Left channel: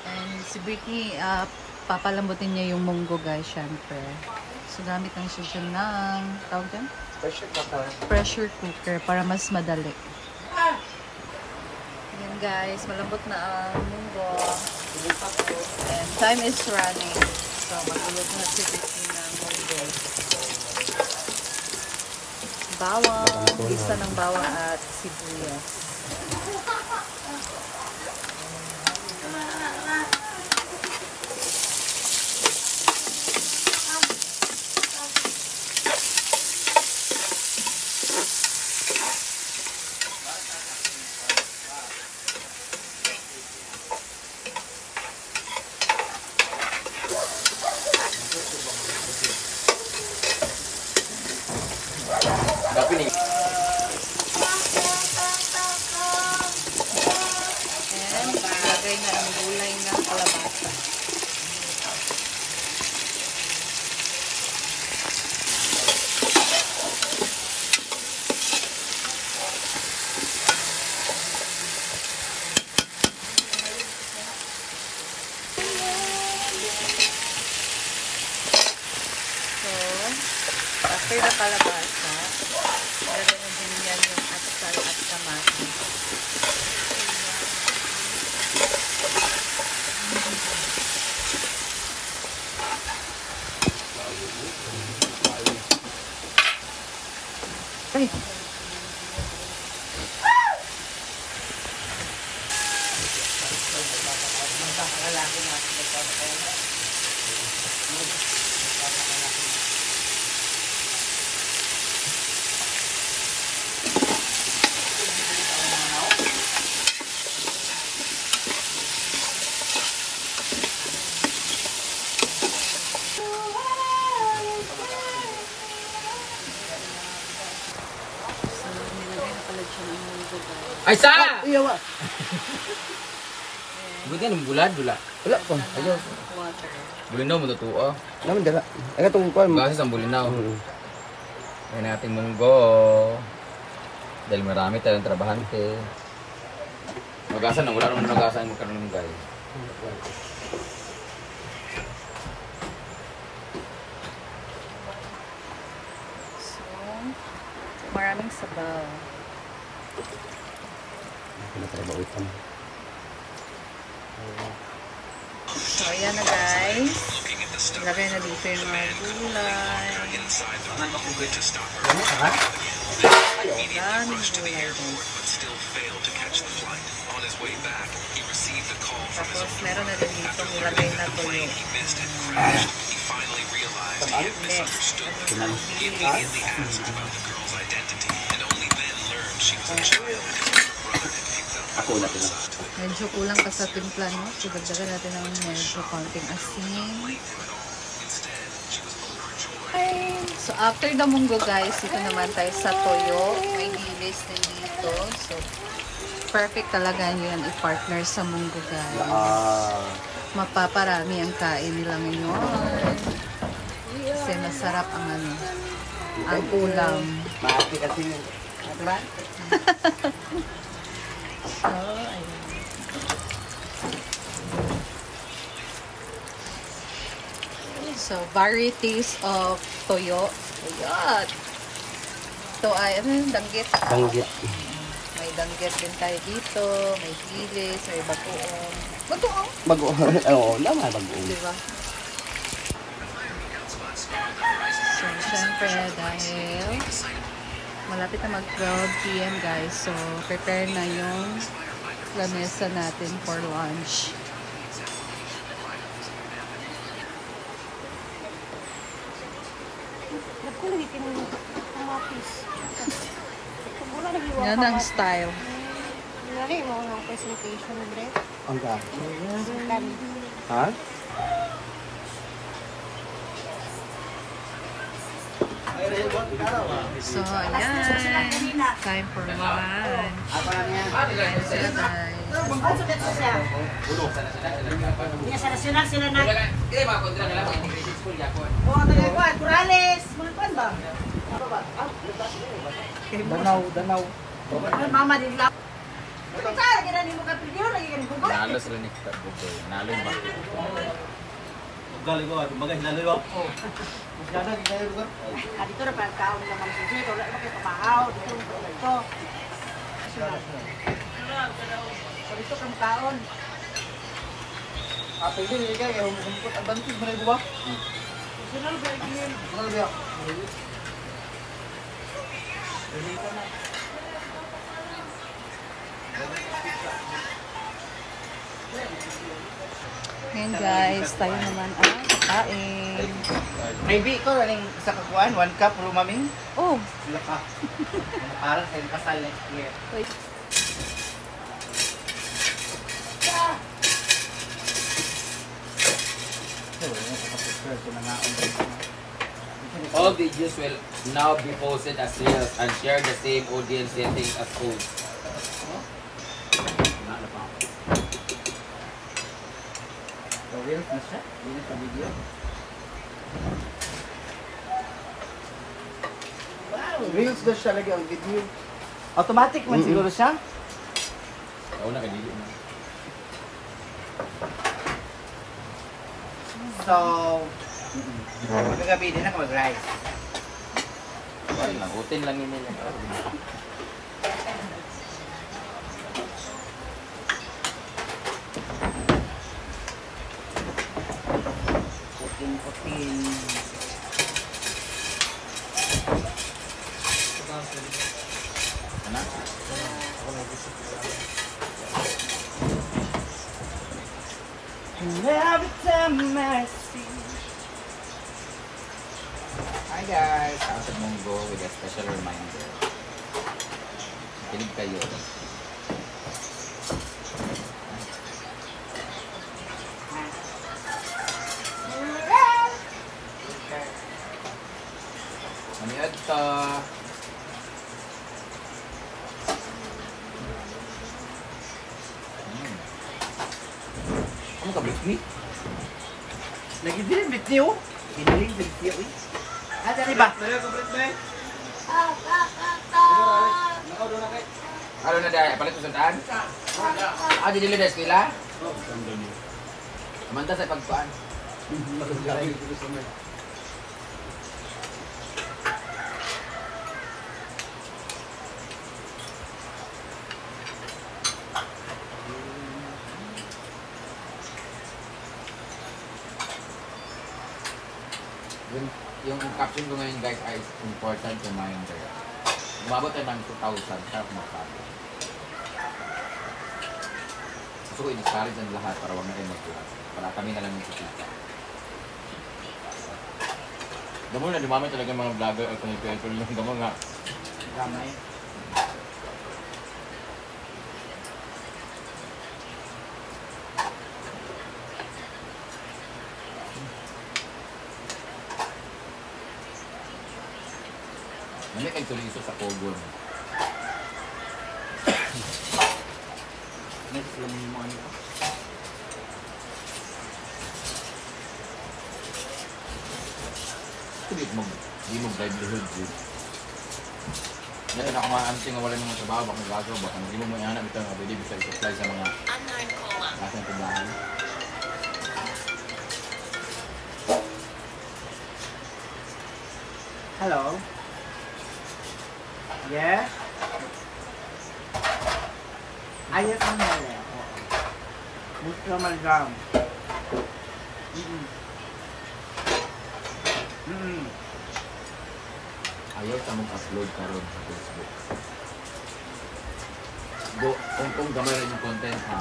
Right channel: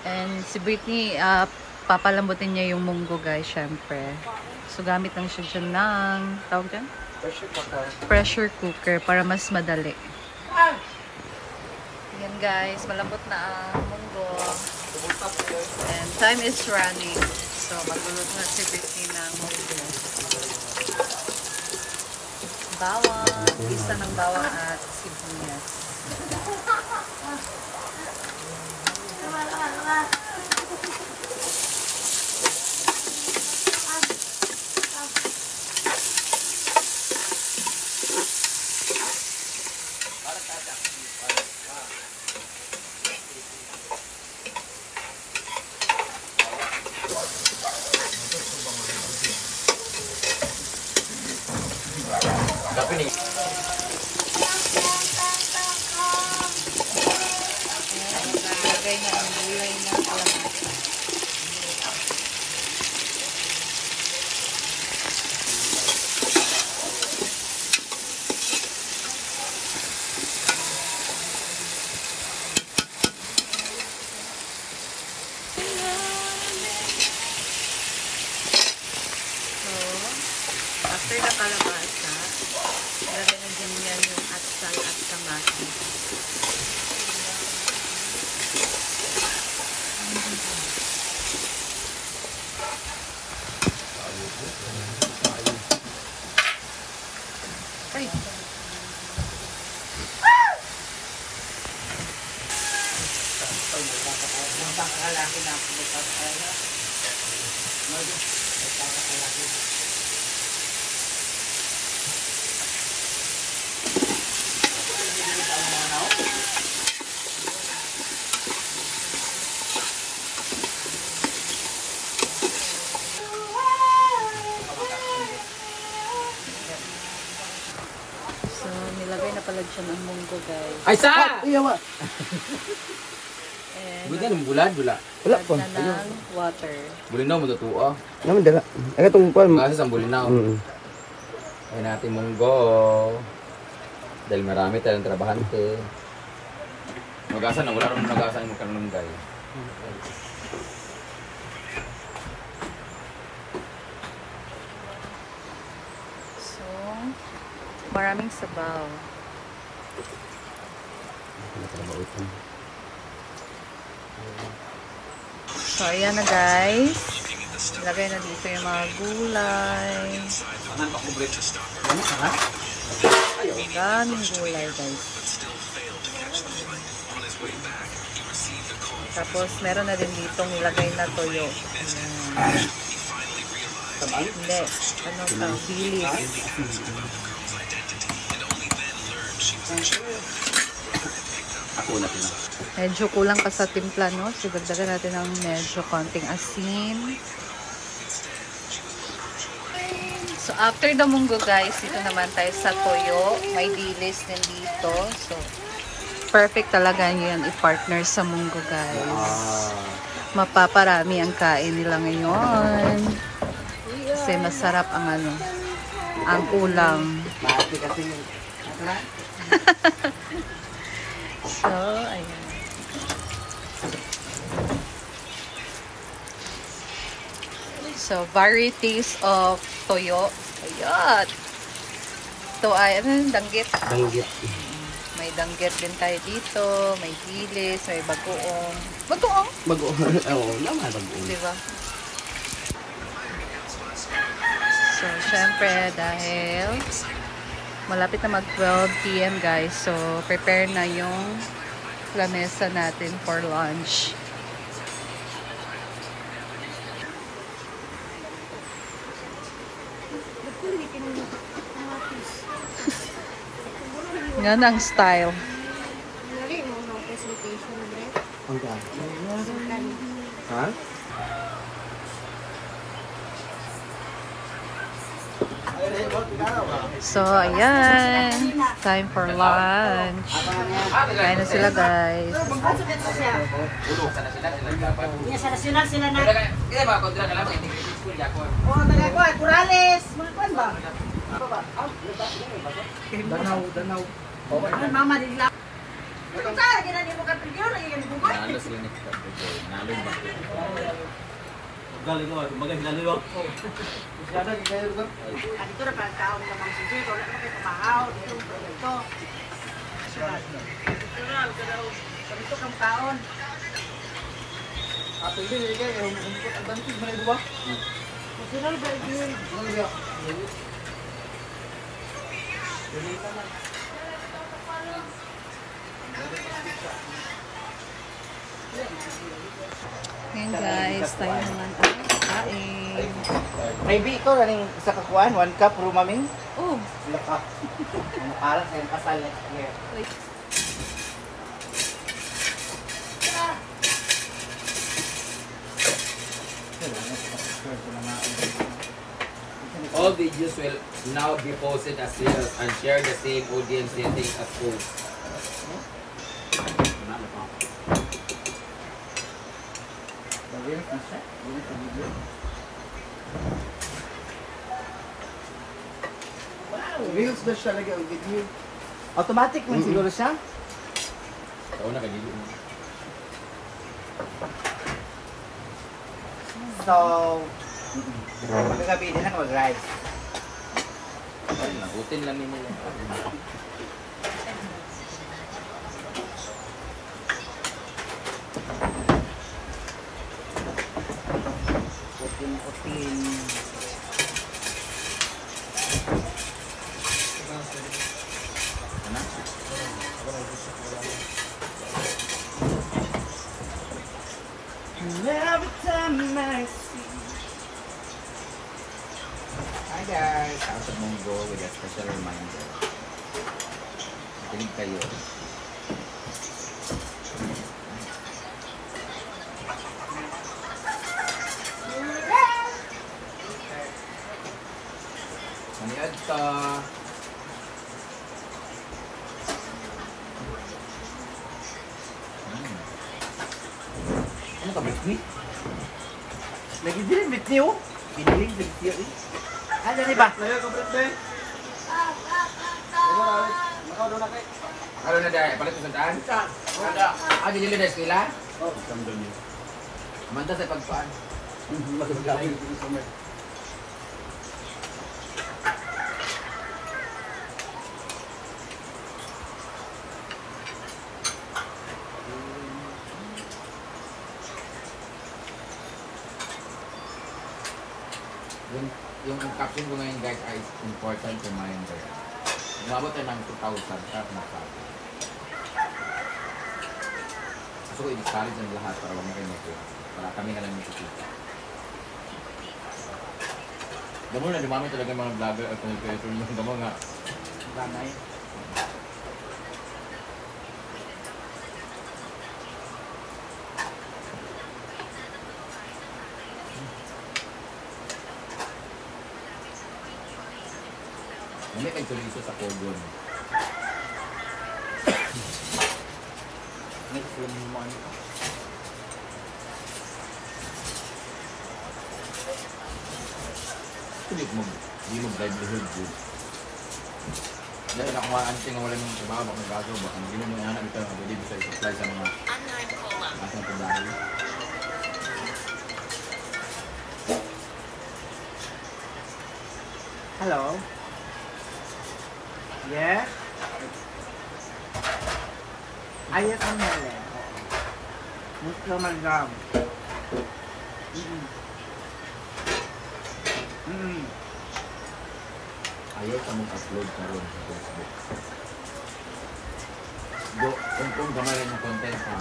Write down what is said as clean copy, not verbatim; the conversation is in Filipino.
And si Britney, papalambutin niya yung munggo guys, syempre. So gamit lang siya dyan ng, tawag dyan? Pressure cooker para mas madali. Yan guys, malambot na ang munggo. And time is running. So maglulog na si Britney ng munggo. Bawang, isa ng bawang at sibuyas. After na kalabasa, ilagay na din yan yung atsal at kamatis. Ay! Ay sa! Iyawa. Bukan bulan. Wala pa. Ayo. Water. Bulinaw mo totoo. Naman dala. Ay itong kuan. Kasi sa bulinaw. Ay natin munggo. Dahil marami tayong trabahante. Magasan na wala naman nagasan mo karon ng gal. So, maraming sabaw. So, ayan na guys. Ilagay na dito yung mga gulay. Daming gulay guys. Tapos, meron na din ditong ilagay na toyo. Hindi. Ano ito? Bilis. Medyo kulang pa sa timpla, no? So, dagdagan natin ng medyo konting asin. So, after the munggo, guys, ito naman tayo sa toyo. May dilis din dito. So, perfect talaga yun i-partner sa munggo, guys. Mapaparami ang kain nila ngayon. Kasi masarap ang ano, ang ulam. Maati kasi yun. So, ayan. So, varieties of toyo. Ayan. Ito ay, ano, danggit. Danggit. May danggit din tayo dito. May dilis, may bagoong. Bagoong? Bagoong. Oo, naman bagoong. Diba? So, syempre, dahil malapit na mag 12 PM guys. So, prepare na yung lamesa natin for lunch. Yan ang style. Ang dami. Ha? So, ayan. Time for lunch. Kain na sila, guys. Nalo sila ni Kabuboy. Nalo yung bakit. Galing ko, kumbaga hinalo ako. Ngayon guys, tayo naman ang kain. Maybe ikaw rin sa kakuan, 1 cup lumaming. Oh, Laka. Parang sa pasal next year. wait. All videos will now be posted as reels and share the same audience settings as post. The reels na siya? Reels sa video? Wow! Reels na siya lagi ang video. Automatic man siguro siya? Ikaw na kadili mo. So, magkagabi din lang mag-rice. Ay, nagutin lang yun nila. Putin-putin. Ano? Every time I see. Hi guys! Ako sa Munggo with a special reminder. Kinig kayo. Maniod to. Ano ka, Britney? Lagi din bit niyo. Piniling bit niyo eh. Ano rin ba? Ano na dahil? Palit mo sa daan? Ah, di nila dahil sila? Amanta sa pagpaan. Yung caption ko ngayon guys ay important reminder. Umabot tayo ng 2,000 para kumapati. Gusto ko i-discourage ang lahat para wag na kayo mag-vlog. Para kami na lang yung kikita. Damo na, dumami talaga mga vlogger at kumipento yung damo nga. Gamay. Nami kayo tuliso sa Kogon. Next lemon. Di mo livelihood yun. Dahil ako nga anting nga wala namang trabaho, baka nagaso, baka hindi mo mga anak ito nga pwede bisa i-supply sa mga kasang trabaho. Hello? Yes? Ayos ang Helen. Oo. Gusto mag-gam. Ayaw sa mong upload karon sa Facebook. Kung gamay rin yung content ha.